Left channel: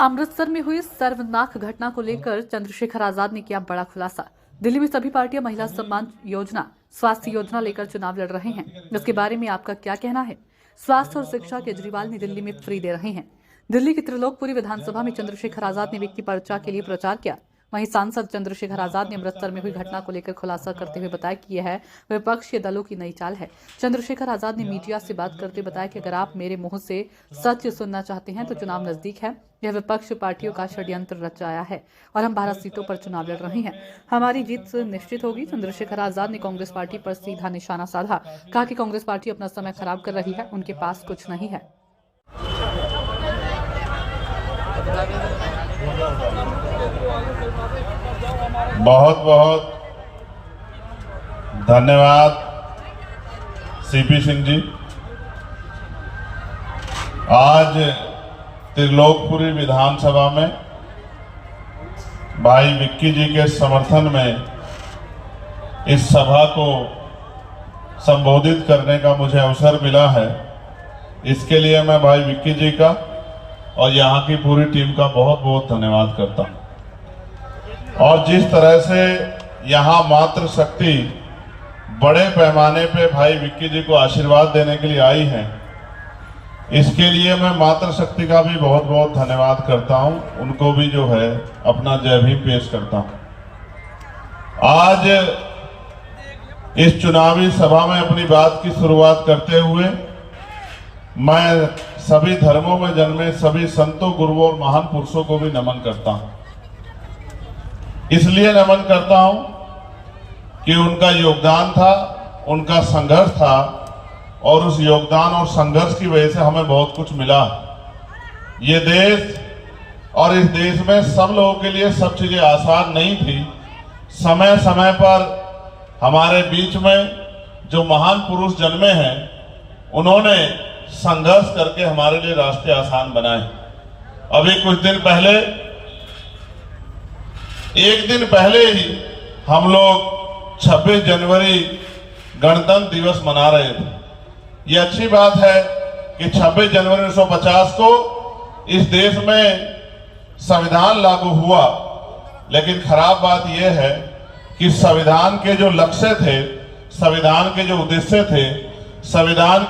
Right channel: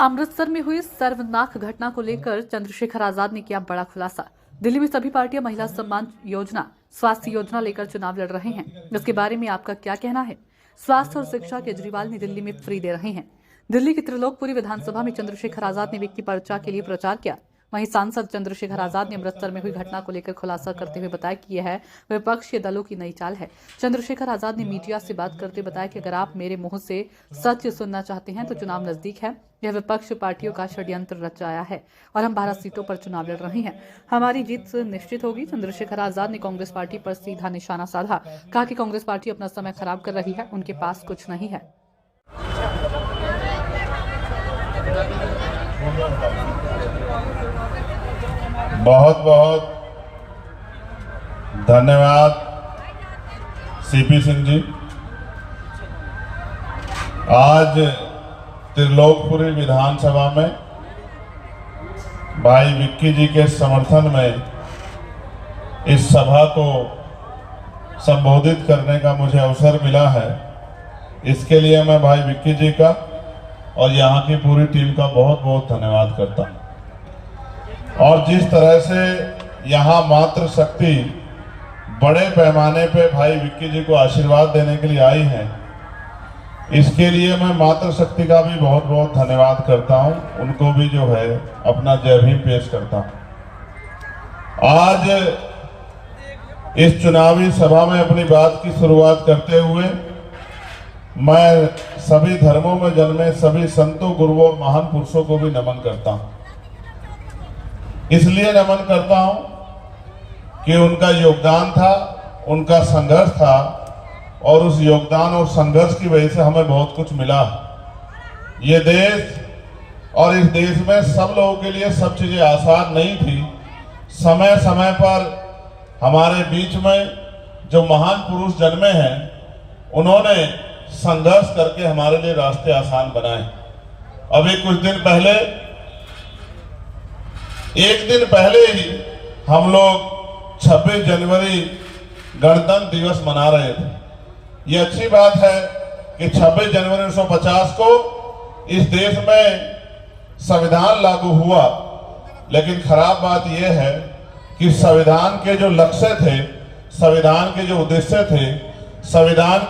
अमृतसर में हुई सर्वनाक घटना को लेकर चंद्रशेखर आजाद ने किया बड़ा खुलासा। दिल्ली में सभी पार्टियां महिला सम्मान योजना, स्वास्थ्य योजना लेकर चुनाव लड़ रहे हैं। इसके बारे में आपका क्या कहना है? स्वास्थ्य और शिक्षा केजरीवाल ने दिल्ली में फ्री दे रहे हैं। दिल्ली की त्रिलोकपुरी विधानसभा में चंद्रशेखर आजाद ने विक्की पर्चा के लिए प्रचार किया। वहीं सांसद चंद्रशेखर आजाद ने अमृतसर में हुई घटना को लेकर खुलासा करते हुए बताया कि यह विपक्षी दलों की नई चाल है। चंद्रशेखर आजाद ने मीडिया से बात करते बताया कि अगर आप मेरे मुंह से सच सुनना चाहते हैं तो चुनाव नजदीक है। यह विपक्ष पार्टियों का षड्यंत्र रचाया है और हम 12 सीटों पर चुनाव लड़ रहे हैं। हमारी जीत निश्चित होगी। चंद्रशेखर आजाद ने कांग्रेस पार्टी पर सीधा निशाना साधा। कहा कि कांग्रेस पार्टी अपना समय खराब कर रही है, उनके पास कुछ नहीं है। बहुत बहुत धन्यवाद सीपी सिंह जी। आज त्रिलोकपुरी विधानसभा में भाई विक्की जी के समर्थन में इस सभा को संबोधित करने का मुझे अवसर मिला है। इसके लिए मैं भाई विक्की जी का और यहाँ की पूरी टीम का बहुत बहुत धन्यवाद करता हूँ। और जिस तरह से यहाँ मातृ शक्ति बड़े पैमाने पे भाई विक्की जी को आशीर्वाद देने के लिए आई है, इसके लिए मैं मातृ शक्ति का भी बहुत बहुत धन्यवाद करता हूँ। उनको भी जो है अपना जय भीम पेश करता हूँ। आज इस चुनावी सभा में अपनी बात की शुरुआत करते हुए मैं सभी धर्मों में जन्मे सभी संतों, गुरुओं और महान पुरुषों को भी नमन करता हूँ। इसलिए नमन करता हूं कि उनका योगदान था, उनका संघर्ष था और उस योगदान और संघर्ष की वजह से हमें बहुत कुछ मिला। ये देश और इस देश में सब लोगों के लिए सब चीजें आसान नहीं थी। समय समय पर हमारे बीच में जो महान पुरुष जन्मे हैं, उन्होंने संघर्ष करके हमारे लिए रास्ते आसान बनाए। अभी कुछ दिन पहले, एक दिन पहले ही हम लोग 26 जनवरी गणतंत्र दिवस मना रहे थे। ये अच्छी बात है कि 26 जनवरी 1950 को इस देश में संविधान लागू हुआ, लेकिन खराब बात यह है कि संविधान के जो लक्ष्य थे, संविधान के जो उद्देश्य थे, संविधान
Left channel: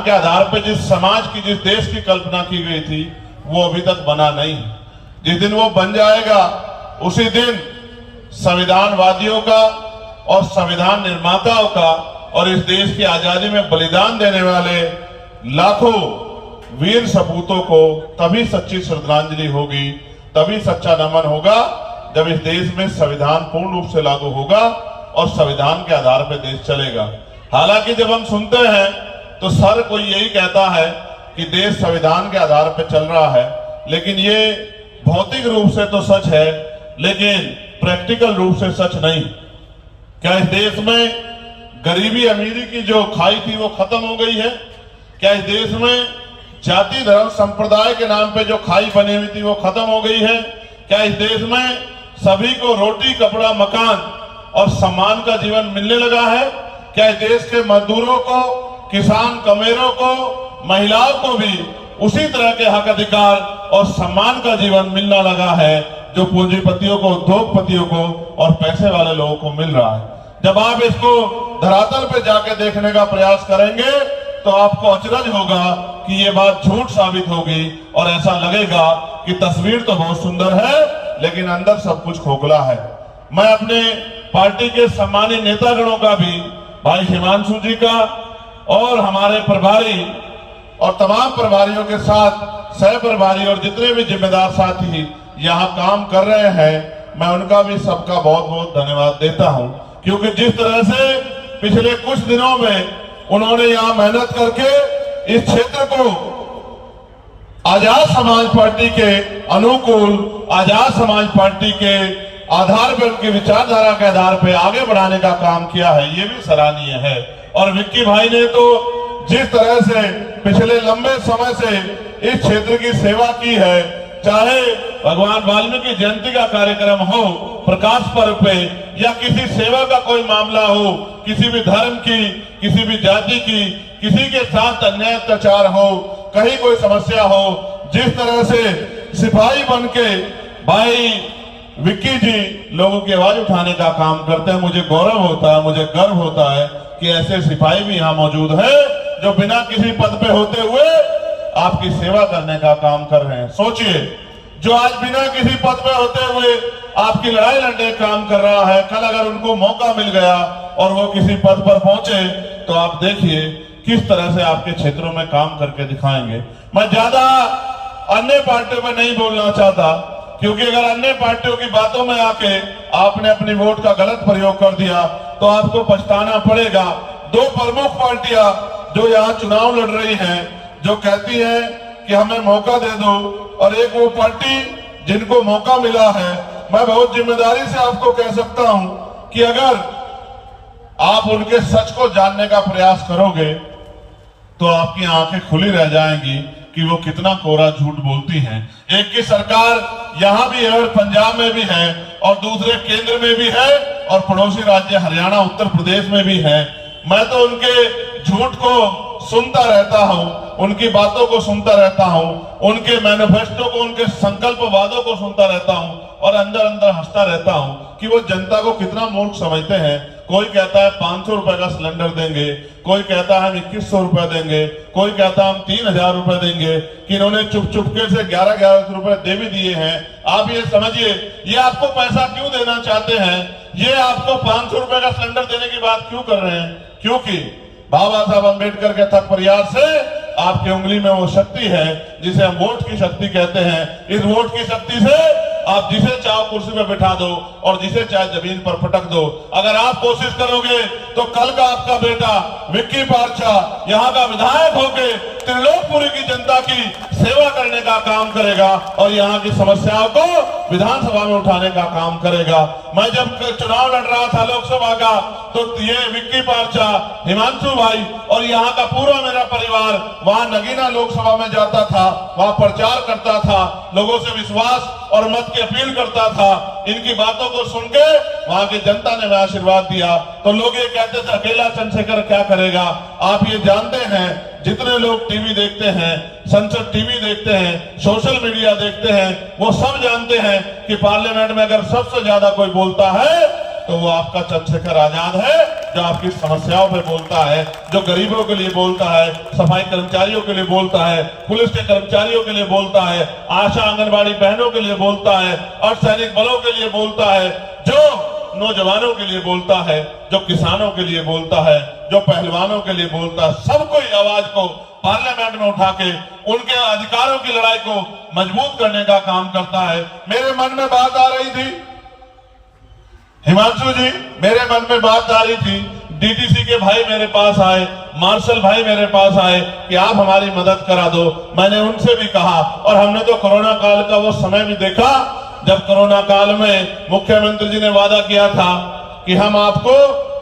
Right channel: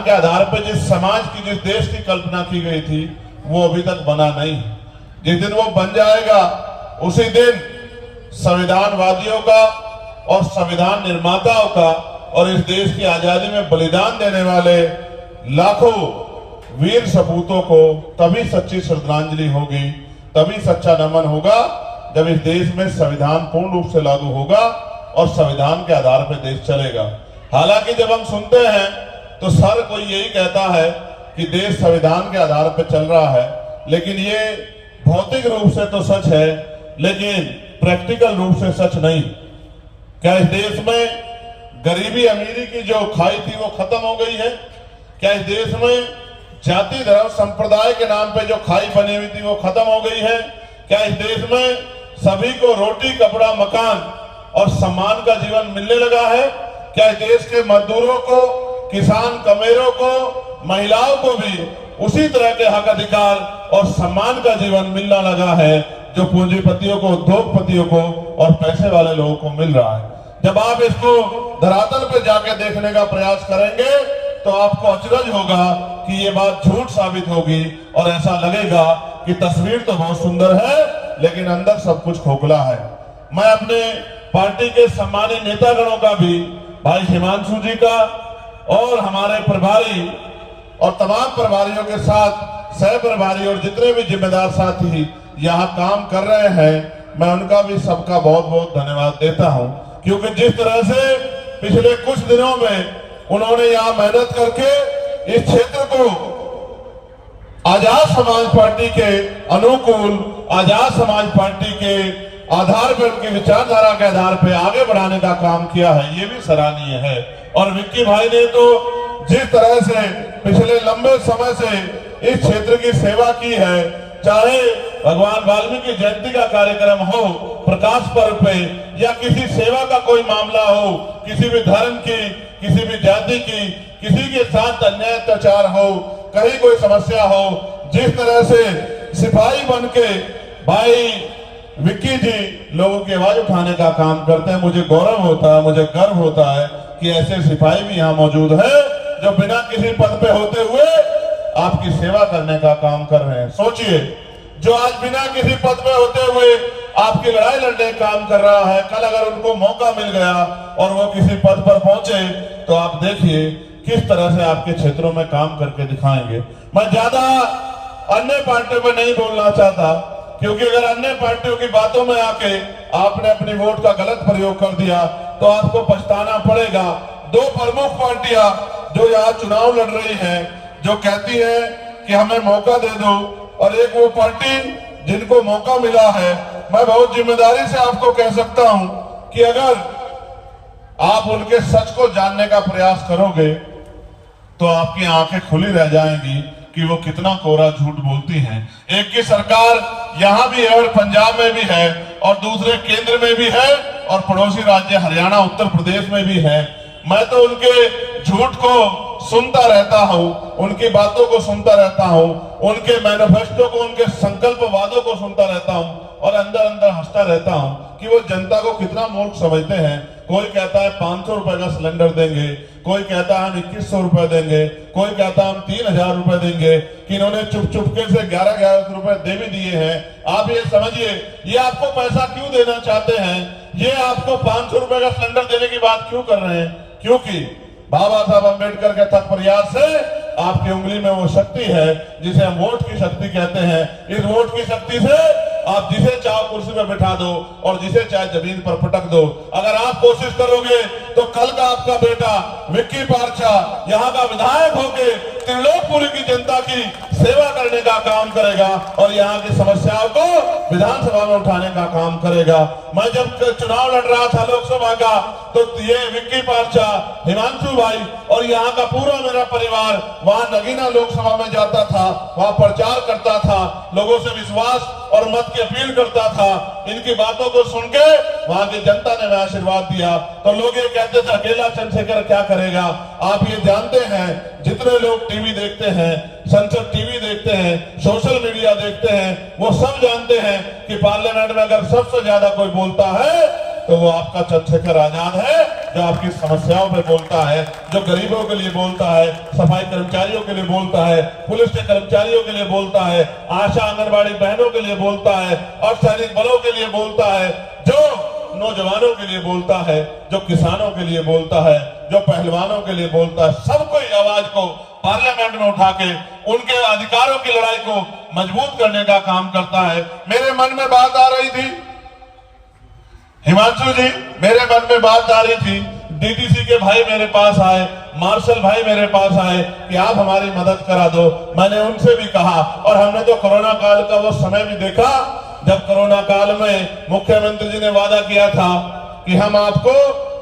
के आधार पर जिस समाज की, जिस देश की कल्पना की गई थी, वो अभी तक बना नहीं। जिस दिन वो बन जाएगा उसी दिन संविधानवादियों का और संविधान निर्माताओं का और इस देश की आजादी में बलिदान देने वाले लाखों वीर सपूतों को तभी सच्ची श्रद्धांजलि होगी, तभी सच्चा नमन होगा जब इस देश में संविधान पूर्ण रूप से लागू होगा और संविधान के आधार पर देश चलेगा। हालांकि जब हम सुनते हैं तो हर कोई यही कहता है कि देश संविधान के आधार पर चल रहा है, लेकिन ये भौतिक रूप से तो सच है, लेकिन प्रैक्टिकल रूप से सच नहीं। क्या इस देश में गरीबी अमीरी की जो खाई थी वो खत्म हो गई है? क्या इस देश में जाति धर्म संप्रदाय के नाम पे जो खाई बनी हुई थी वो खत्म हो गई है? क्या इस देश में सभी को रोटी, कपड़ा, मकान और सम्मान का जीवन मिलने लगा है? क्या इस देश के मजदूरों को, किसान कमेरों को, महिलाओं को भी उसी तरह के हक, अधिकार और सम्मान का जीवन मिलना लगा है जो पूंजीपतियों को, उद्योगपतियों को और पैसे वाले लोगों को मिल रहा है? जब आप इसको धरातल पे जाके देखने का प्रयास करेंगे तो आपको अचरज होगा कि ये बात झूठ साबित होगी और ऐसा लगेगा कि तस्वीर तो बहुत सुंदर है लेकिन अंदर सब कुछ खोखला है। मैं अपने पार्टी के सम्मानित नेतागणों का भी, भाई हिमांशु जी का और हमारे प्रभारी और तमाम प्रभारियों के साथ सह प्रभारी और जितने भी जिम्मेदार साथी यहाँ काम कर रहे हैं, मैं उनका भी सबका बहुत बहुत धन्यवाद देता हूँ। क्योंकि जिस तरह से पिछले कुछ दिनों में उन्होंने यहाँ मेहनत करके इस क्षेत्र को आजाद समाज पार्टी के अनुकूल, आजाद समाज पार्टी के आधार पर, उनकी विचारधारा के आधार पर आगे बढ़ाने का काम किया है, ये भी सराहनीय है। और विक्की भाई ने तो जिस तरह से पिछले लंबे समय से इस क्षेत्र की सेवा की है, चाहे भगवान वाल्मीकि जयंती का कार्यक्रम हो, प्रकाश पर्व पे, या किसी सेवा का कोई मामला हो, किसी भी धर्म की, किसी भी जाति की, किसी के साथ अन्याय अत्याचार हो, कहीं कोई समस्या हो, जिस तरह से सिपाही बन के भाई विक्की जी लोगों की आवाज उठाने का काम करते हैं, मुझे गौरव होता है, मुझे गर्व होता है कि ऐसे सिपाही भी यहाँ मौजूद है जो बिना किसी पद पे होते हुए आपकी सेवा करने का काम कर रहे हैं। सोचिए, जो आज बिना किसी पद पे होते हुए आपकी लड़ाई लड़ने का काम कर रहा है, कल अगर उनको मौका मिल गया और वो किसी पद पर पहुंचे तो आप देखिए किस तरह से आपके क्षेत्रों में काम करके दिखाएंगे। मैं ज्यादा अन्य पार्टियों पे नहीं बोलना चाहता, क्योंकि अगर अन्य पार्टियों की बातों में आके आपने अपनी वोट का गलत प्रयोग कर दिया तो आपको पछताना पड़ेगा। दो प्रमुख पार्टियां जो यहाँ चुनाव लड़ रही हैं, जो कहती हैं कि हमें मौका दे दो, और एक वो पार्टी जिनको मौका मिला है, मैं बहुत जिम्मेदारी से आपको कह सकता हूं कि अगर आप उनके सच को जानने का प्रयास करोगे तो आपकी आंखें खुली रह जाएंगी कि वो कितना कोरा झूठ बोलती हैं। एक की सरकार यहाँ भी है और पंजाब में भी है, और दूसरे केंद्र में भी है, और पड़ोसी राज्य हरियाणा उत्तर प्रदेश में भी है। मैं तो उनके झूठ को सुनता रहता हूँ, उनकी बातों को सुनता रहता हूँ, उनके मैनिफेस्टो को, उनके संकल्प वादों को सुनता रहता हूँ, और अंदर अंदर हंसता रहता हूँ कि वो जनता को कितना मूर्ख समझते हैं। कोई कहता है 500 रुपए का सिलेंडर देंगे, कोई कहता है हम 2100 रुपए देंगे, कोई कहता है हम 3000 रुपए देंगे, कि इन्होंने चुप चुपके से 11,000 रुपए दे भी दिए हैं। आप ये समझिए, ये आपको पैसा क्यों देना चाहते हैं, ये आपको 500 रुपए का सिलेंडर देने की बात क्यों कर रहे हैं? क्योंकि बाबा साहब अम्बेडकर के थक प्रयास से आपकी उंगली में वो शक्ति है जिसे हम वोट की शक्ति कहते हैं। इस वोट की शक्ति से आप जिसे चाहो कुर्सी पे बिठा दो और जिसे चाहे जमीन पर पटक दो। अगर आप कोशिश करोगे तो कल का आपका बेटा विक्की पारछा यहाँ का विधायक होके त्रिलोकपुरी की जनता की सेवा करने का काम करेगा और यहाँ की समस्याओं को विधानसभा में उठाने का काम करेगा। मैं जब चुनाव लड़ रहा था लोकसभा का, तो ये विक्की पारछा, हिमांशु भाई और यहाँ का पूरा मेरा परिवार वहां नगीना लोकसभा में जाता था, वहां प्रचार करता था, लोगों से विश्वास और मत की अपील करता था। इनकी बातों को सुन के वहां की जनता ने हमें आशीर्वाद दिया। तो लोग ये कहते थे अकेला चंद्रशेखर क्या करेगा। आप ये जानते हैं, जितने लोग टीवी देखते हैं, संसद टीवी देखते हैं, सोशल मीडिया देखते हैं, वो सब जानते हैं कि पार्लियामेंट में अगर सबसे ज्यादा कोई बोलता है तो वो आपका चंद्रशेखर आजाद है, जो आपकी समस्याओं पे बोलता है, जो गरीबों के लिए बोलता है, सफाई कर्मचारियों के लिए बोलता है, पुलिस के कर्मचारियों के लिए बोलता है, आशा आंगनबाड़ी बहनों के लिए बोलता है, अर्धसैनिक बलों के लिए बोलता है, जो नौजवानों के लिए बोलता है, जो किसानों के लिए बोलता है, जो पहलवानों के लिए बोलता है। सबको आवाज को पार्लियामेंट में उठा के उनके अधिकारों की लड़ाई को मजबूत करने का काम करता है। मेरे मन में बात आ रही थी हिमांशु जी, मेरे मन में बात आ रही थी, डीटीसी के भाई मेरे पास आए, मार्शल भाई मेरे पास आए कि आप हमारी मदद करा दो। मैंने उनसे भी कहा, और हमने तो कोरोना काल का वो समय भी देखा जब कोरोना काल में मुख्यमंत्री जी ने वादा किया था कि हम आपको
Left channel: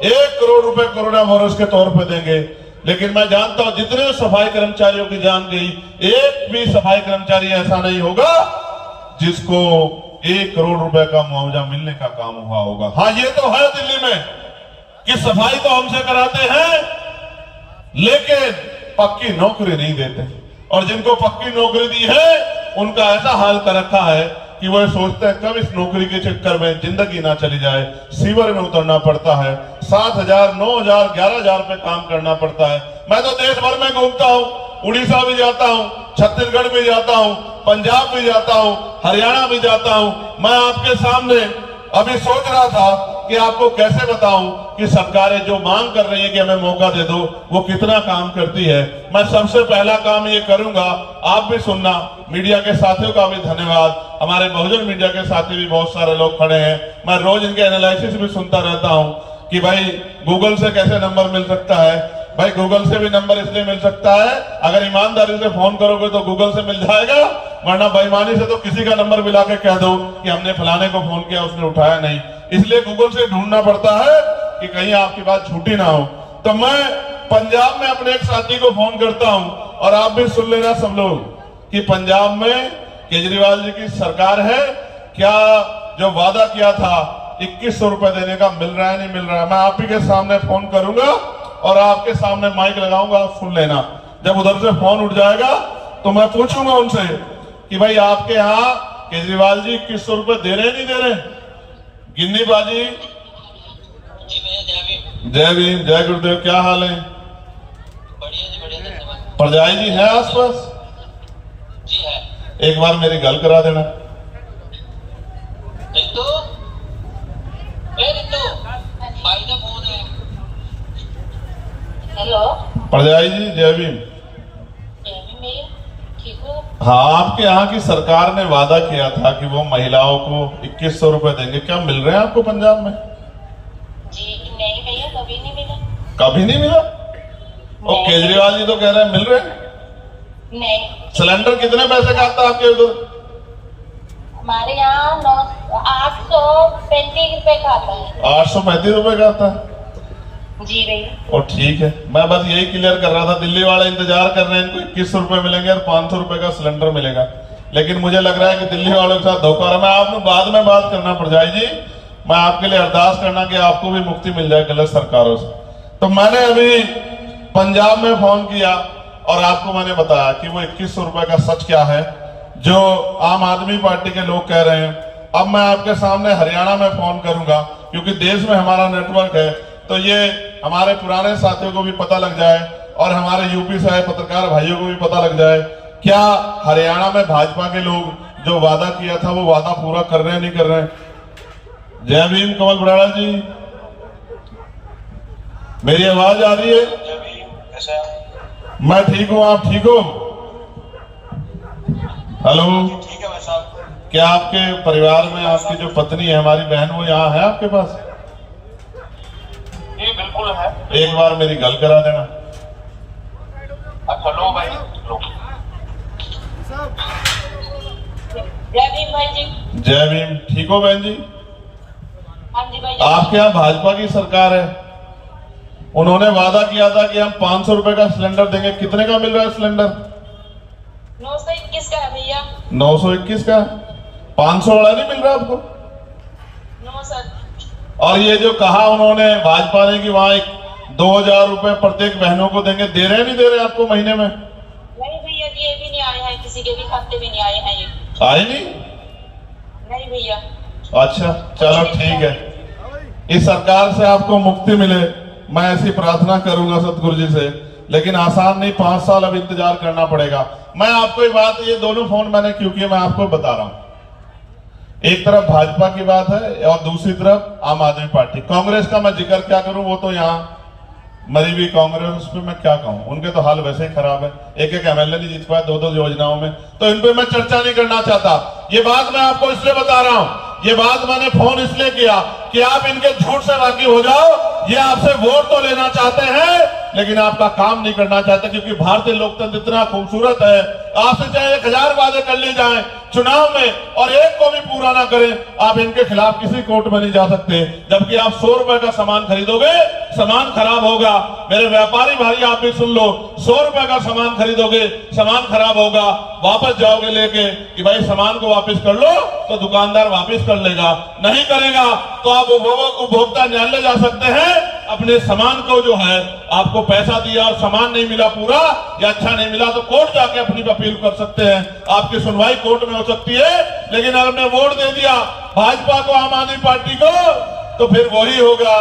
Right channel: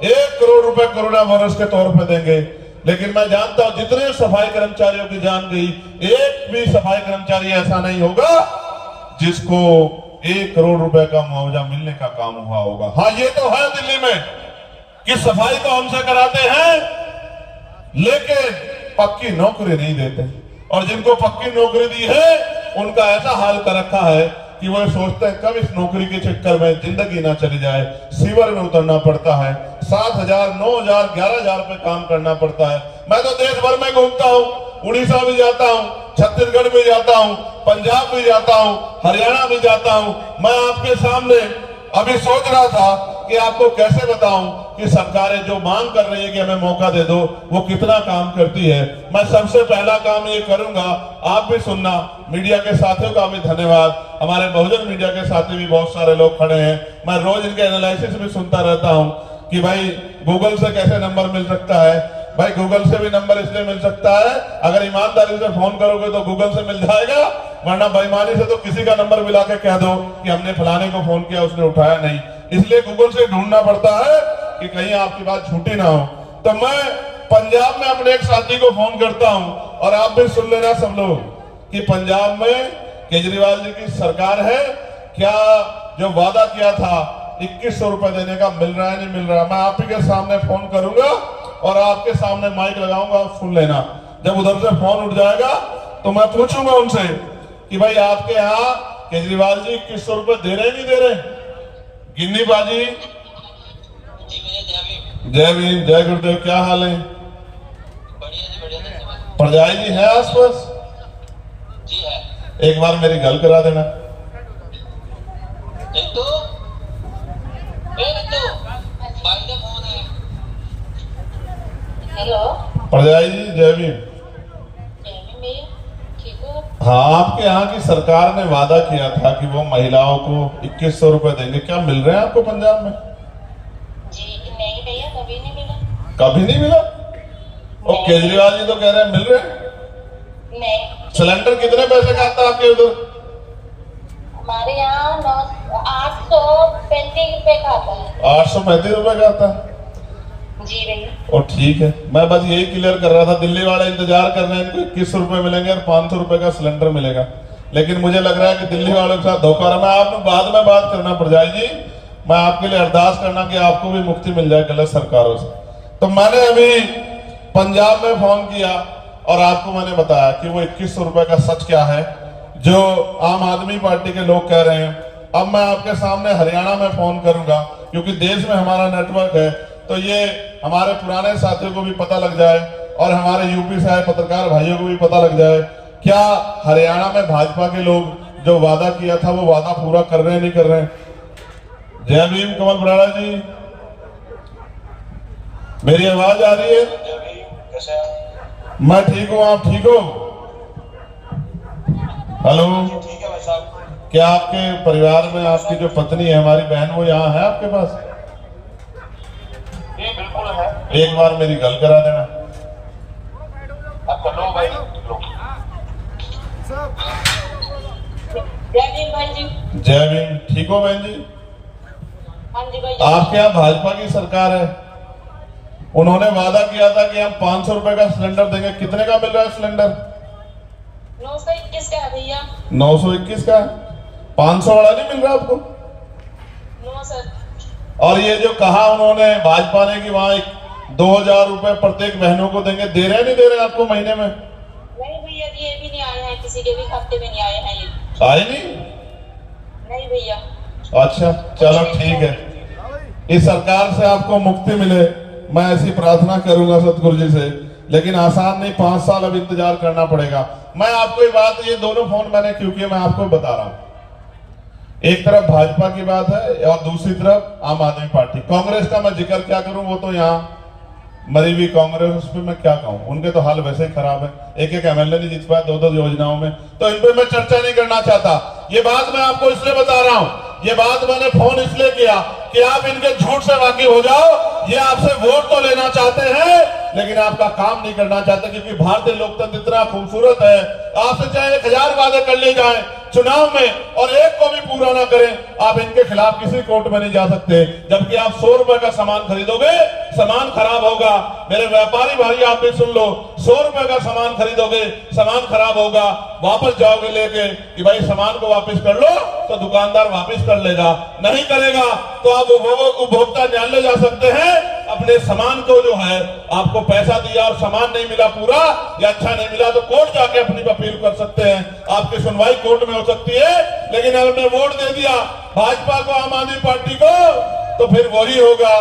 1 करोड़ रुपए कोरोना वायरस के तौर पर देंगे। लेकिन मैं जानता हूं जितने सफाई कर्मचारियों की जान गई, एक भी सफाई कर्मचारी ऐसा नहीं होगा जिसको 1 करोड़ रुपए का मुआवजा मिलने का काम हुआ होगा। हाँ, ये तो है दिल्ली में कि सफाई तो हमसे कराते हैं लेकिन पक्की नौकरी नहीं देते, और जिनको पक्की नौकरी दी है उनका ऐसा हाल कर रखा है कि वो सोचते हैं कब इस नौकरी के चक्कर में जिंदगी ना चली जाए। सीवर में उतरना पड़ता है, 7,000, 9,000, 11,000 पे काम करना पड़ता है। मैं तो देश भर में घूमता हूँ, उड़ीसा भी जाता हूँ, छत्तीसगढ़ भी जाता हूँ, पंजाब भी जाता हूँ, हरियाणा भी जाता हूँ। मैं आपके सामने अभी सोच रहा था कि आपको कैसे बताऊं कि सरकारें जो मांग कर रही है कि हमें मौका दे दो, वो कितना काम करती है। मैं सबसे पहला काम ये करूंगा, आप भी सुनना, मीडिया के साथियों का भी धन्यवाद, हमारे बहुजन मीडिया के साथी भी बहुत सारे लोग खड़े हैं। मैं रोज इनके एनालिसिस भी सुनता रहता हूं कि भाई गूगल से कैसे नंबर मिल सकता है। भाई गूगल से भी नंबर इसलिए मिल सकता है, अगर ईमानदारी से फोन करोगे तो गूगल से मिल जाएगा, वरना बेईमानी से तो किसी का नंबर मिला के कह दो कि हमने फलाने को फोन किया, उसने उठाया नहीं। इसलिए गूगल से ढूंढना पड़ता है कि कहीं आपकी बात झूठी ना हो। तो मैं पंजाब में अपने एक साथी को फोन करता हूं, और आप भी सुन लेना सब लोग कि पंजाब में केजरीवाल जी की सरकार है, क्या जो वादा किया था 2100 रुपए देने का मिल रहा है नहीं मिल रहा है। मैं आप ही के सामने फोन करूंगा और आपके सामने माइक लगाऊंगा, आप सुन लेना। जब उधर से फोन उठ जाएगा तो मैं पूछूंगा उनसे कि भाई आपके यहाँ केजरीवाल जी 2100 रुपए दे रहे हैं नहीं दे रहे? गिन्नी बाजी। जय भीम, जय गुरुदेव। क्या हाल है? परजाई जी है आसपास? जी है। एक बार मेरी गल करा देना। हेलो, परजाई जी जय भीम। ठीक हो? हाँ, आपके यहाँ की सरकार ने वादा किया था कि वो महिलाओं को 2100 रुपए देंगे। क्या मिल रहे हैं आपको पंजाब में? जी नहीं भैया, कभी नहीं मिला। कभी नहीं मिला? और केजरीवाल जी तो कह रहे हैं मिल रहे हैं। नहीं, सिलेंडर कितने पैसे का आता है आपके इधर? हमारे यहाँ 835 रुपए का आता है। 835 रुपए का आता है। जी भैया। और ठीक है, मैं बस यही क्लियर कर रहा था। दिल्ली वाले इंतजार कर रहे हैं इनको 2100 रुपए मिलेंगे और 500 रुपए का सिलेंडर मिलेगा, लेकिन मुझे लग रहा है कि दिल्ली वालों के साथ धोखा रहा। मैं आपको बाद में बात करना पड़ जाए जी। मैं आपके लिए अरदास करना कि आपको भी मुक्ति मिल जाए गलत सरकारों से। तो मैंने अभी पंजाब में फोन किया और आपको मैंने बताया कि वो 2100 रुपए का सच क्या है जो आम आदमी पार्टी के लोग कह रहे हैं। अब मैं आपके सामने हरियाणा में फोन करूंगा, क्योंकि देश में हमारा नेटवर्क है, तो ये हमारे पुराने साथियों को भी पता लग जाए और हमारे यूपी से आए पत्रकार भाइयों को भी पता लग जाए क्या हरियाणा में भाजपा के लोग जो वादा किया था वो वादा पूरा कर रहे हैं नहीं कर रहे हैं। जय भीम कमल बुराड़ा जी, मेरी आवाज आ रही है? मैं ठीक हूं, आप ठीक हो? हेलो, ठीक है भाई साहब। क्या आपके परिवार में आपकी जो पत्नी है, हमारी बहन, वो यहाँ है आपके पास? ये बिल्कुल है। एक बार मेरी गल करा देना। अच्छा लो भाई लो। जय भीम भाई जी। जय भीम। ठीक हो बहन जी? हाँ जी भाई। आपके यहाँ भाजपा की सरकार है, उन्होंने वादा किया था कि हम 500 रुपए का सिलेंडर देंगे। कितने का मिल रहा है सिलेंडर? 921 का है भैया। 921 का। 500 वाला नहीं मिल रहा आपको? No sir. और ये जो कहा उन्होंने भाजपा ने कि वहां 2000 रुपए प्रत्येक बहनों को देंगे, दे रहे हैं नहीं दे रहे हैं आपको महीने में? नहीं भैया, ये भी नहीं आया है, किसी के भी खाते में नहीं आए हैं ये। आए नहीं? नहीं भैया। अच्छा चलो ठीक है, इस सरकार से आपको मुक्ति मिले, मैं ऐसी प्रार्थना करूंगा सतगुरु जी से। लेकिन आसान नहीं, 5 साल अब इंतजार करना पड़ेगा। मैं आपको ये बात, ये दोनों फोन मैंने क्यों किए मैं आपको बता रहा हूं। एक तरफ भाजपा की बात है और दूसरी तरफ आम आदमी पार्टी। कांग्रेस का मैं जिक्र क्या करूं, वो तो यहाँ मरी हुई कांग्रेस, उस पर मैं क्या कहूं, उनके तो हाल वैसे ही खराब है। एक एक एमएलए नहीं जीत पाए 2-2 योजनाओं में, तो इन पे मैं चर्चा नहीं करना चाहता। ये बात मैं आपको इसलिए बता रहा हूं, ये बात मैंने फोन इसलिए किया कि आप इनके झूठ से वाकिफ हो जाओ। ये आपसे वोट तो लेना चाहते हैं लेकिन आपका काम नहीं करना चाहते, क्योंकि भारतीय लोकतंत्र इतना खूबसूरत है। आपसे चाहे 1000 वादे कर ले जाए चुनाव में और एक को भी पूरा ना करें, आप इनके खिलाफ किसी कोर्ट में नहीं जा सकते। जबकि आप 100 रुपए का सामान खरीदोगे, सामान खराब होगा। मेरे व्यापारी भाई आप भी सुन लो, 100 रुपए का सामान खरीदोगे, सामान खराब होगा, वापस जाओगे लेके कि भाई सामान को वापस कर लो, तो दुकानदार वापस कर लेगा। नहीं करेगा तो आप उपभोक्ता न्यायालय जा सकते हैं। अपने सामान को जो है आपको पैसा दिया और सामान नहीं मिला पूरा या अच्छा नहीं मिला, तो कोर्ट जाके अपनी अपील कर सकते हैं, आपकी सुनवाई कोर्ट में हो सकती है। लेकिन अगर हमने वोट दे दिया भाजपा को, आम आदमी पार्टी को, तो फिर वही होगा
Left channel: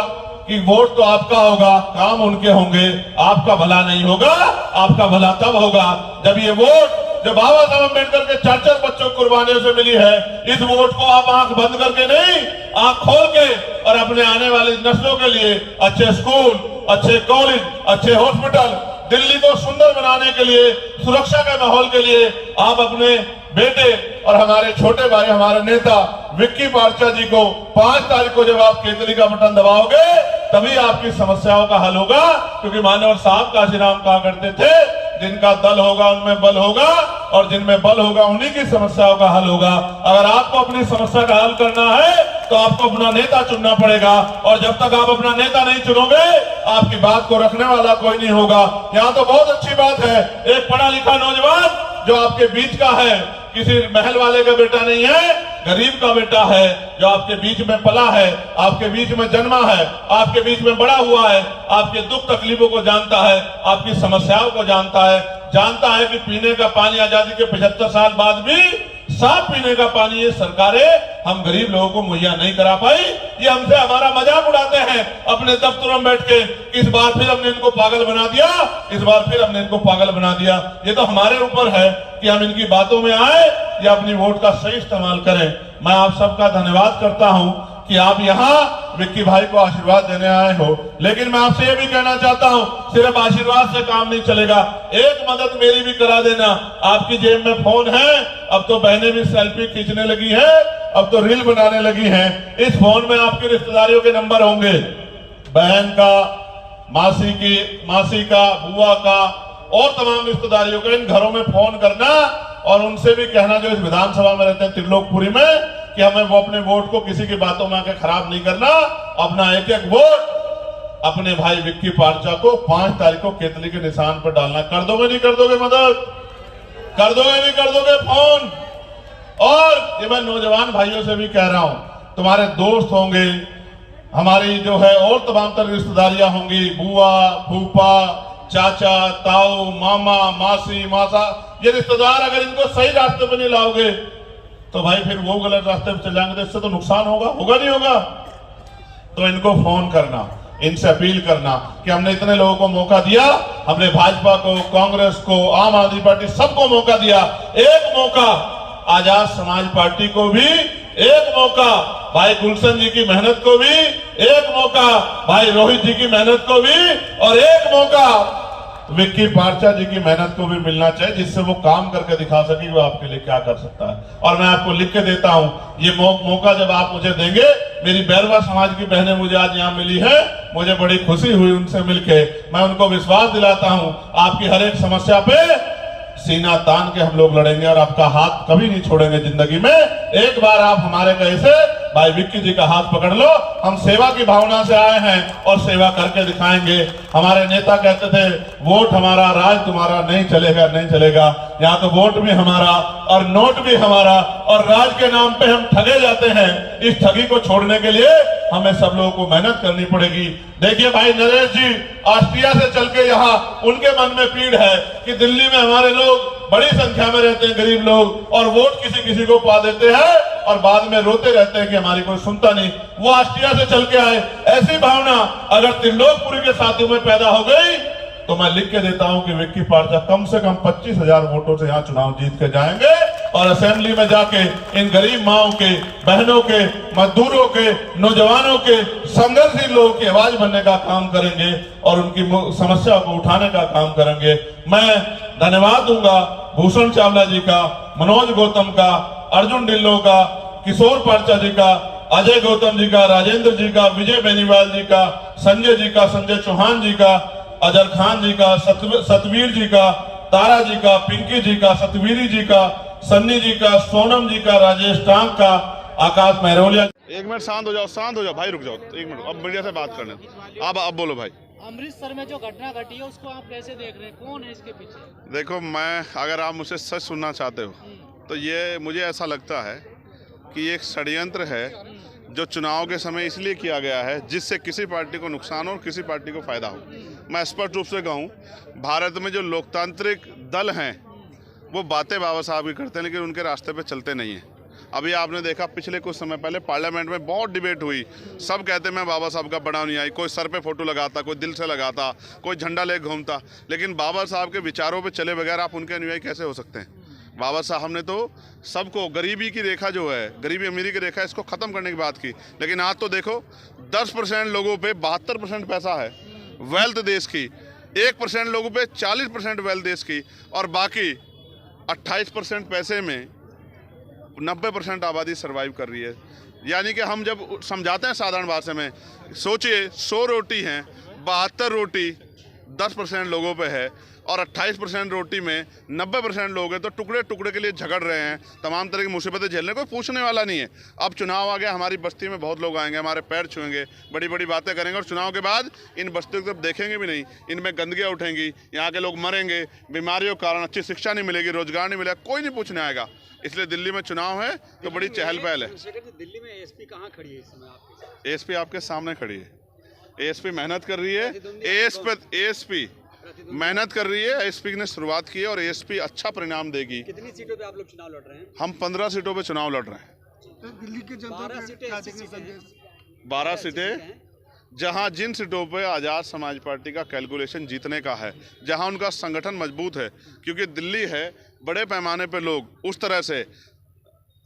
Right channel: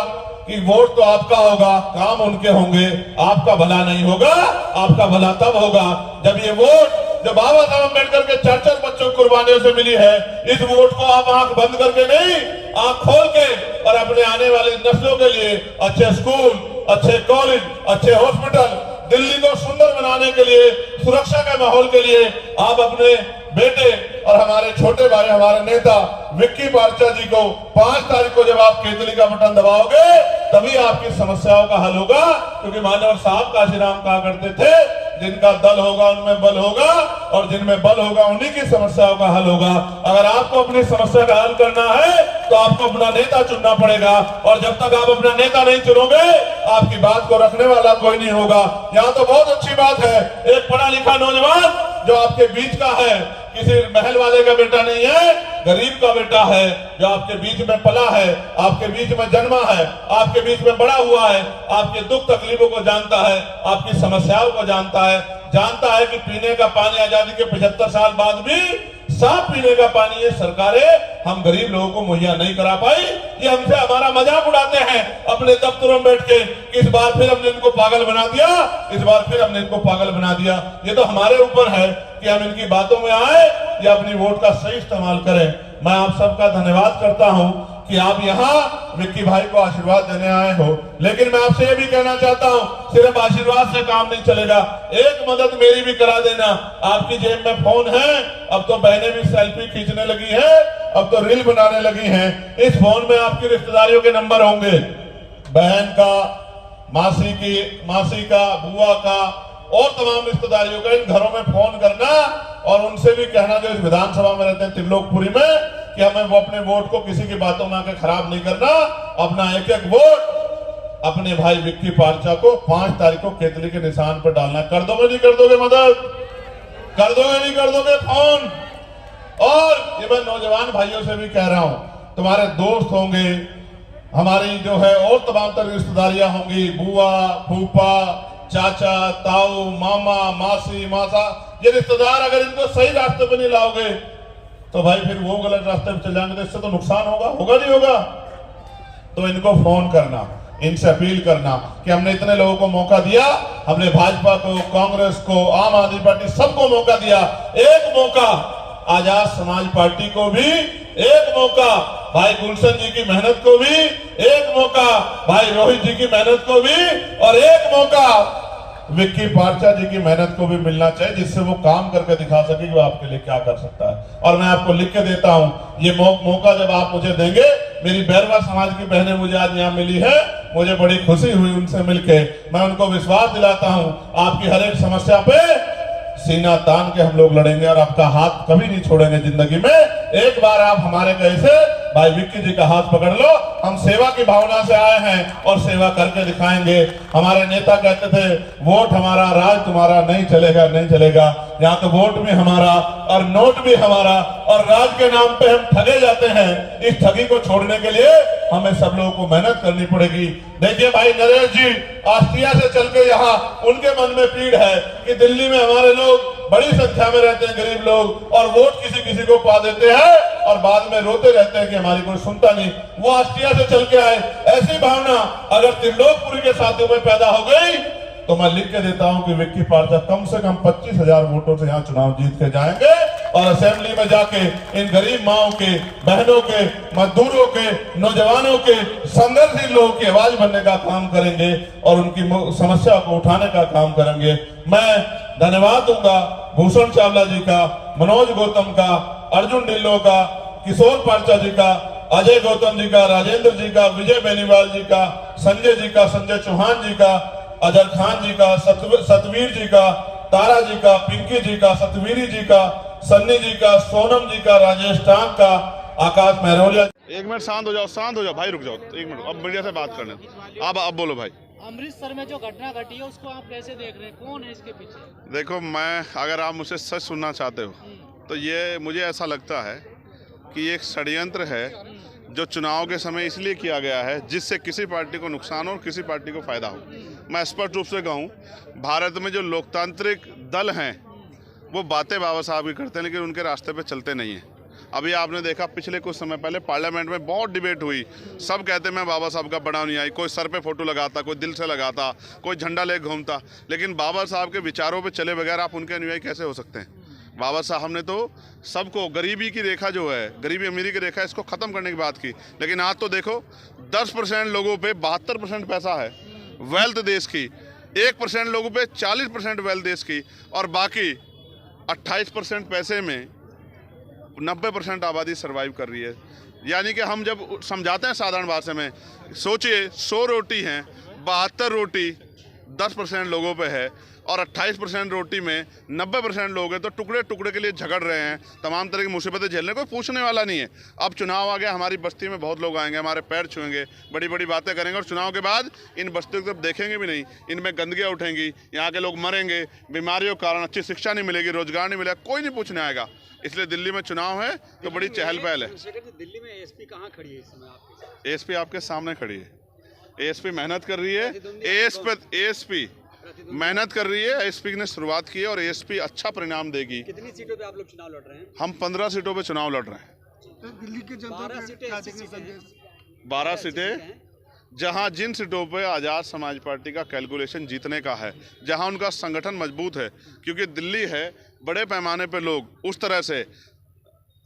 कि वोट तो आपका होगा, काम उनके होंगे, आपका भला नहीं होगा। आपका भला तब होगा जब ये वोट जो बाबा साहब अम्बेडकर के 4-4 बच्चों को कुर्बानियों से मिली है, इस वोट को आप आंख बंद करके नहीं, आंख खोल के और अपने आने वाले नस्लों के लिए अच्छे स्कूल, अच्छे कॉलेज, अच्छे हॉस्पिटल, दिल्ली को सुंदर बनाने के लिए, सुरक्षा के माहौल के लिए आप अपने बेटे और हमारे छोटे भाई, हमारे नेता विक्की पार्चा जी को 5 तारीख को जब आप केतली का बटन दबाओगे तभी आपकी समस्याओं का हल होगा। क्योंकि मानवर साहब काशीराम कहा करते थे, जिनका दल होगा उनमें बल होगा और जिनमें बल होगा उन्हीं की समस्याओं का हल होगा। अगर आपको अपनी समस्या का हल करना है तो आपको अपना नेता चुनना पड़ेगा, और जब तक आप अपना नेता नहीं चुनोगे आपकी बात को रखने वाला कोई नहीं होगा। यहाँ तो बहुत अच्छी बात है, एक पढ़ा लिखा नौजवान जो आपके बीच का है, किसी महल वाले का बेटा नहीं है, गरीब का बेटा है, जो आपके बीच में पला है, आपके बीच में जन्मा है, आपके बीच में बड़ा हुआ है, आपके दुख तकलीफों को जानता है, आपकी समस्याओं को जानता है कि पीने का पानी आजादी के 75 साल बाद भी साफ पीने का पानी ये सरकारें हम गरीब लोगों को मुहैया नहीं करा पाई। ये हमसे हमारा मजाक उड़ाते हैं अपने दफ्तरों में बैठ के। इस बार फिर हमने इनको पागल बना दिया, ये तो हमारे ऊपर है कि हम इनकी बातों में आए या अपनी वोट का सही इस्तेमाल करें। मैं आप सबका धन्यवाद करता हूं कि आप यहाँ विक्की भाई को आशीर्वाद देने आए हो, लेकिन मैं आपसे ये भी कहना चाहता हूँ, सिर्फ आशीर्वाद से काम नहीं चलेगा, एक मदद मेरी भी करा देना। आपकी जेब में फोन है, अब तो बहनें भी सेल्फी खींचने लगी है, अब तो रील बनाने लगी है। इस फोन में आपकी रिश्तेदारियों के नंबर होंगे, बहन का, मासी का, बुआ का और तमाम रिश्तेदारियों का। इन घरों में फोन करना और उनसे भी कहना जो इस विधानसभा में रहते हैं त्रिलोकपुरी में, कि हमें वो अपने वोट को किसी की बातों में आकर खराब नहीं करना, अपना एक एक वोट अपने भाई विक्की पारचा को 5 तारीख को केतली के निशान पर डालना। कर दोगे नहीं कर दोगे मदद? कर दोगे नहीं कर दोगे फोन? और ये मैं नौजवान भाइयों से भी कह रहा हूं, तुम्हारे दोस्त होंगे, हमारी जो है और तमाम तरह रिश्तेदारियां होंगी, बुआ, फूफा, चाचा, ताऊ, मामा, मासी, मासा, ये रिश्तेदार अगर इनको सही रास्ते पे नहीं लाओगे तो भाई फिर वो गलत रास्ते पे चल जाएंगे, तो इससे तो नुकसान होगा नहीं होगा? तो इनको फोन करना, इनसे अपील करना कि हमने इतने लोगों को मौका दिया, हमने भाजपा को, कांग्रेस को, आम आदमी पार्टी सबको मौका दिया, एक मौका आजाद समाज पार्टी को भी, एक मौका भाई गुलशन जी की मेहनत को भी, एक मौका भाई रोहित जी की मेहनत को भी, और एक मौका विक्की पारचा जी की मेहनत को भी मिलना चाहिए, जिससे वो काम करके दिखा सके कि वो आपके लिए क्या कर सकता है। और मैं आपको लिख के देता हूं, ये मौका जब आप मुझे देंगे, मेरी बैरवा समाज की बहनें मुझे आज यहाँ मिली है, मुझे बड़ी खुशी हुई उनसे मिलके। मैं उनको विश्वास दिलाता हूं, आपकी हर एक समस्या पे सीना तान के हम लोग लड़ेंगे और आपका हाथ कभी नहीं छोड़ेंगे जिंदगी में। एक बार आप हमारे कैसे भाई विक्की जी का हाथ पकड़ लो, हम सेवा की भावना से आए हैं और सेवा करके दिखाएंगे। हमारे नेता कहते थे वोट हमारा, राज तुम्हारा, नहीं चलेगा। यहाँ तो वोट भी हमारा और नोट भी हमारा, और राज के नाम पे हम ठगे जाते हैं। इस ठगी को छोड़ने के लिए हमें सब लोगों को मेहनत करनी पड़ेगी। देखिए भाई नरेश जी ऑस्ट्रिया से चल के यहाँ, उनके मन में पीड़ है कि दिल्ली में हमारे लोग बड़ी संख्या में रहते हैं, गरीब लोग, और वोट किसी को पा देते हैं और बाद में रोते रहते हैं कि हमारी कोई सुनता नहीं। वो ऑस्ट्रिया से चल के आए, ऐसी भावना अगर त्रिलोकपुरी के साथियों में पैदा हो गई तो मैं लिख के देता हूं कि विक्की पारचा कम से कम 25,000 वोटों से यहाँ चुनाव जीत के जाएंगे और असेंबली में जाके इन गरीब माओं के, बहनों के, मजदूरों के, नौजवानों के, संघर्षशील लोगों की आवाज बनने का काम करेंगे और उनकी समस्या को उठाने का काम करेंगे। मैं धन्यवाद दूंगा भूषण चावला जी का, मनोज गौतम का, अर्जुन ढिल्लों का, किशोर पारचा जी का, अजय गौतम जी का, राजेंद्र जी का, विजय बेनीवाल जी का, संजय जी का, संजय चौहान जी का, अजर खान जी का, सतवीर जी का, तारा जी का, पिंकी जी का, सतवीरी जी का, सन्नी जी का, सोनम जी का, राजेश टांग का, आकाश महरोलिया। एक मिनट शांत हो जाओ भाई, रुक जाओ एक मिनट, अब मीडिया से बात करने। अब बोलो भाई। अमृतसर में जो घटना घटी है उसको आप कैसे देख रहे हैं, कौन है इसके पीछे? देखो, मैं अगर आप मुझसे सच सुनना चाहते हो तो ये मुझे ऐसा लगता है कि एक षड्यंत्र है जो चुनाव के समय इसलिए किया गया है जिससे किसी पार्टी को नुकसान हो और किसी पार्टी को फायदा हो। मैं स्पष्ट रूप से कहूँ, भारत में जो लोकतांत्रिक दल हैं वो बातें बाबा साहब की करते हैं लेकिन उनके रास्ते पे चलते नहीं हैं। अभी आपने देखा पिछले कुछ समय पहले पार्लियामेंट में बहुत डिबेट हुई, सब कहते मैं बाबा साहब का बड़ा नहीं आई, कोई सर पे फोटो लगाता, कोई दिल से लगाता, कोई झंडा ले घूमता, लेकिन बाबा साहब के विचारों पे चले बगैर आप उनके अनुयायी कैसे हो सकते हैं? बाबा साहब ने तो सबको, गरीबी की रेखा जो है, गरीबी अमीरी की रेखा, इसको ख़त्म करने की बात की, लेकिन आज तो देखो 10% लोगों पे 72% पैसा है वेल्थ देश की, 1% लोगों पे 40% वेल्थ देश की, और बाकी 28% पैसे में 90% आबादी सर्वाइव कर रही है। यानी कि हम जब समझाते हैं साधारण भाषा में, सोचिए 100 रोटी हैं, 72 रोटी 10% लोगों पे है, और 28% रोटी में 90% लोग हैं, तो टुकड़े टुकड़े के लिए झगड़ रहे हैं, तमाम तरह की मुसीबतें झेलने कोई पूछने वाला नहीं है। अब चुनाव आ गया, हमारी बस्ती में बहुत लोग आएंगे, हमारे पैर छुएंगे, बड़ी बड़ी बातें करेंगे और चुनाव के बाद इन बस्तियों की तरफ देखेंगे भी नहीं, इनमें गंदगियाँ उठेंगी, यहाँ के लोग मरेंगे, बीमारियों के कारण अच्छी शिक्षा नहीं मिलेगी, रोजगार नहीं मिलेगा, कोई नहीं पूछने आएगा। इसलिए दिल्ली में चुनाव है तो बड़ी चहल पहल है। दिल्ली में एसपी कहाँ खड़ी है इस समय आपके? एएसपी आपके सामने खड़ी है। एएसपी मेहनत कर रही है, एएसपी मेहनत कर रही है, एएसपी ने शुरुआत की है और एएसपी अच्छा परिणाम देगी। कितनी सीटों पे आप लोग चुनाव लड़ रहे हैं? हम 15 सीटों पे चुनाव लड़ रहे हैं। दिल्ली के 12 सीटें 12 सीटें, जहां जिन सीटों पे आज़ाद समाज पार्टी का कैलकुलेशन जीतने का है, जहां उनका संगठन मजबूत है, क्योंकि दिल्ली है बड़े पैमाने पे लोग उस तरह से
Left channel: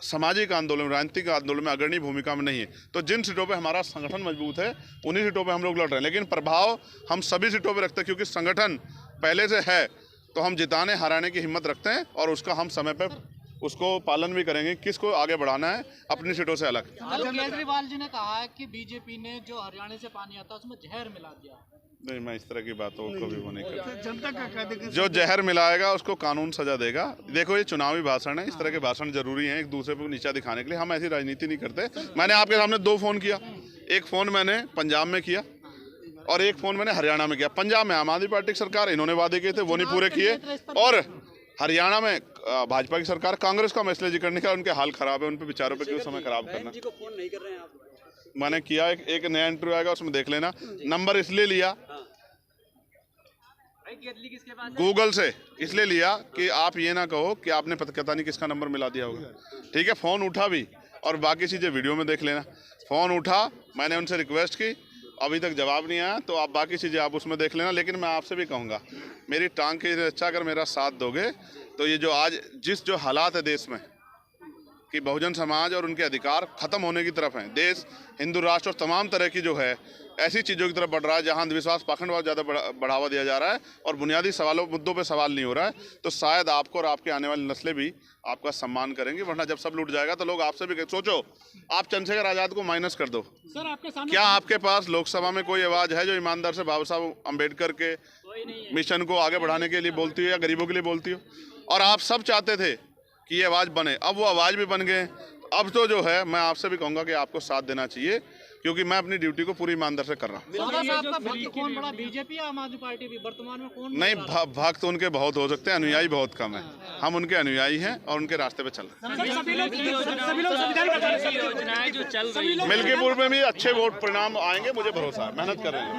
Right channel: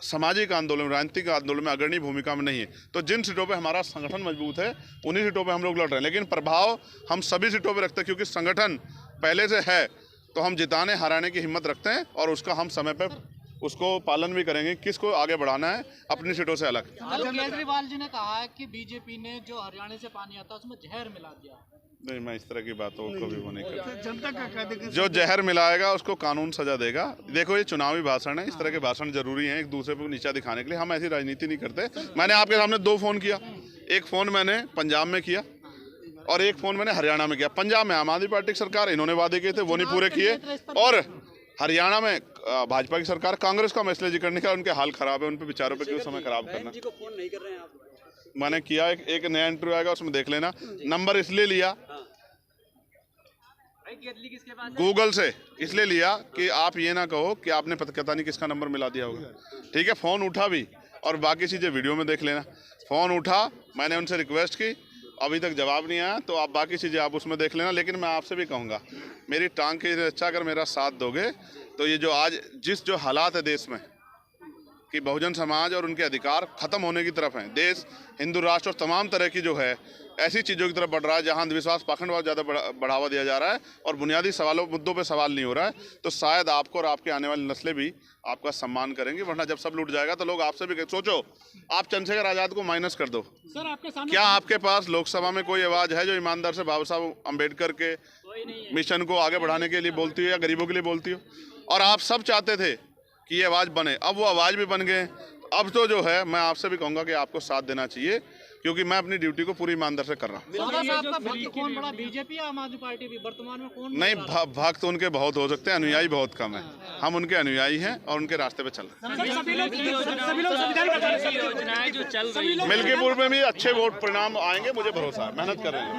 सामाजिक आंदोलन, राजनीतिक आंदोलन में अग्रणी भूमिका में नहीं है, तो जिन सीटों पे हमारा संगठन मजबूत है उन्हीं सीटों पे हम लोग लड़ रहे हैं। लेकिन प्रभाव हम सभी सीटों पे रखते हैं, क्योंकि संगठन पहले से है, तो हम जिताने हराने की हिम्मत रखते हैं और उसका हम समय पे उसको पालन भी करेंगे। किसको आगे बढ़ाना है अपनी सीटों से अलग। केजरीवाल जी ने कहा है कि बीजेपी ने जो हरियाणा से पानी आता है उसमें जहर मिला दिया। नहीं, मैं इस तरह की बातों को भी वो नहीं करता। जनता का जो जहर मिलाएगा उसको कानून सजा देगा। देखो, ये चुनावी भाषण है, इस तरह के भाषण जरूरी हैं एक दूसरे को नीचा दिखाने के लिए। हम ऐसी राजनीति नहीं करते। मैंने आपके सामने 2 फोन किया, एक फोन मैंने पंजाब में किया और एक फोन मैंने हरियाणा में किया। पंजाब में आम आदमी पार्टी की सरकार, इन्होंने वादे किए थे वो नहीं पूरे किए, और हरियाणा में भाजपा की सरकार, कांग्रेस का मैसेज करने का, उनके हाल खराब है, उन पे विचारों पे क्यों समय खराब करना। जी को फोन नहीं कर रहे हैं आप? मैंने किया, एक नया इंटरव्यू आएगा उसमें देख लेना। नंबर इसलिए लिया गूगल से, इसलिए लिया कि आप ये ना कहो कि आपने पता नहीं किसका नंबर मिला दिया होगा। ठीक है, फ़ोन उठा भी और बाकी चीज़ें वीडियो में देख लेना। फ़ोन उठा, मैंने उनसे रिक्वेस्ट की, अभी तक जवाब नहीं आया, तो आप बाकी चीज़ें आप उसमें देख लेना। लेकिन मैं आपसे भी कहूँगा, मेरी टांग की रक्षा अगर मेरा साथ दोगे तो ये जो आज जो हालात है देश में कि बहुजन समाज और उनके अधिकार खत्म होने की तरफ हैं, देश हिंदू राष्ट्र और तमाम तरह की जो है ऐसी चीज़ों की तरफ बढ़ रहा है जहां अंधविश्वास, पाखंडवाद ज़्यादा बढ़ावा दिया जा रहा है और बुनियादी सवालों मुद्दों पे सवाल नहीं हो रहा है, तो शायद आपको और आपके आने वाली नस्लें भी आपका सम्मान करेंगी। वरना जब सब लूट जाएगा तो लोग आपसे भी सोचो, आप चंद्रशेखर आज़ाद को माइनस कर दो। सर, आपके सामने क्या आपके पास लोकसभा में कोई आवाज़ है जो ईमानदार से बाबा साहब अम्बेडकर के मिशन को आगे बढ़ाने के लिए बोलती हो या गरीबों के लिए बोलती हो? और आप सब चाहते थे कि ये आवाज़ बने, अब वो आवाज़ भी बन गए। अब तो जो है मैं आपसे भी कहूँगा कि आपको साथ देना चाहिए, क्योंकि मैं अपनी ड्यूटी को पूरी ईमानदार से कर रहा हूँ। कौन बड़ा, बीजेपी या आम आदमी पार्टी भी वर्तमान में कौन? नहीं, भक्त उनके बहुत हो सकते हैं, अनुयायी बहुत कम है। हम उनके अनुयायी हैं और उनके रास्ते पे चल रहे हैं। मिल्कीपुर में भी अच्छे वोट परिणाम आएंगे, मुझे भरोसा है, मेहनत कर रहे हैं।